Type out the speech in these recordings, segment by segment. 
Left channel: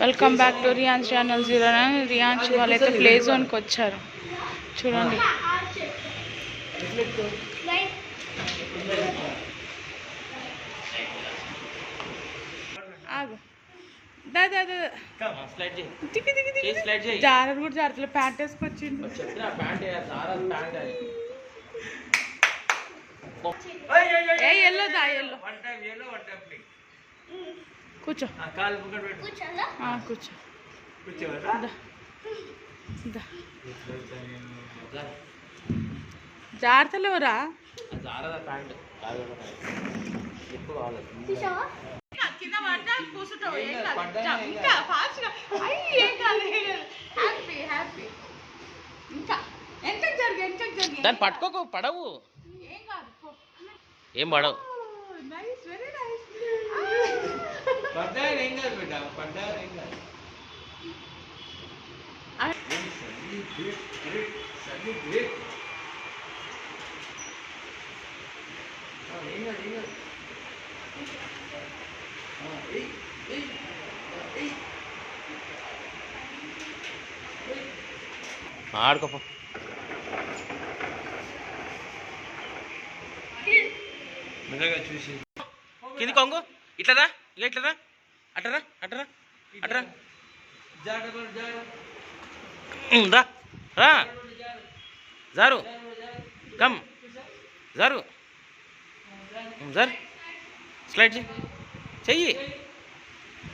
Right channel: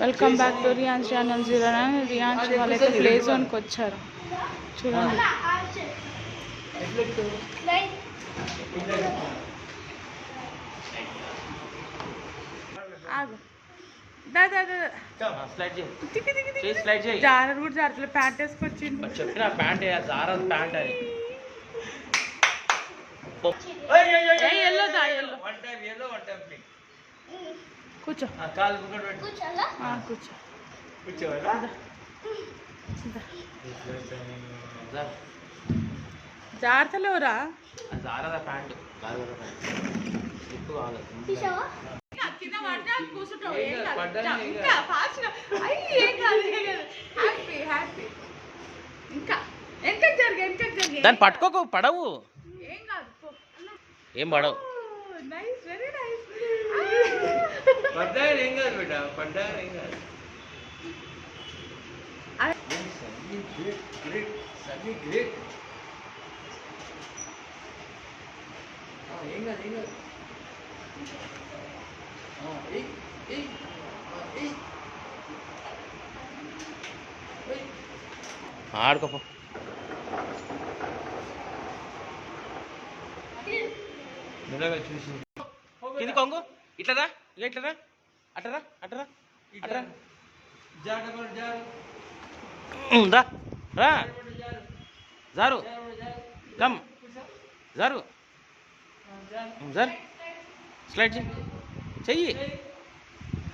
Welcome back to Riyans channel 09. Riyans వాళ్ళైతే play జోన్కి వచ్చారు చూడండి. ఆగు జారర్ కూడా జారతలే, ప్యాంట్ వేసుకొచ్చిండు. కూర్చో కూర్చో జాగ్రత్తలేవురా. దాన్ని పట్టుకోకు, పడవు. ఏం పడవు. ఆడుకోపో. కింది కొంగు. ఇట్లదా, ఇక ఇట్లదా, అట్టరా అట్టరా అట్టరా రా రా జారు కమ్ జారు జార్ స్లైడ్ చెయ్యి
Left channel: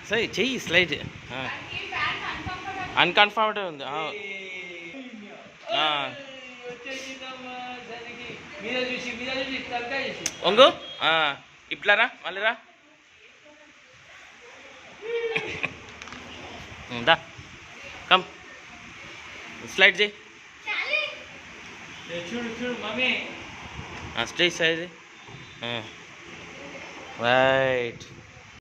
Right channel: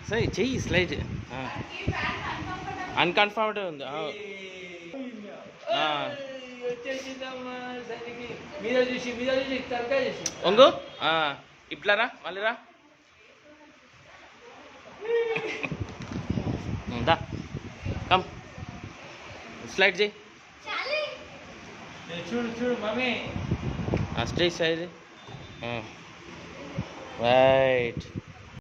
సరే చెయ్యి స్లైడ్. అన్కంఫర్టబుల్ ఉంది. ఒంగు ఇట్లారా మళ్ళీ రా. దా కమ్ స్లైడ్ చేయి. Straight side right.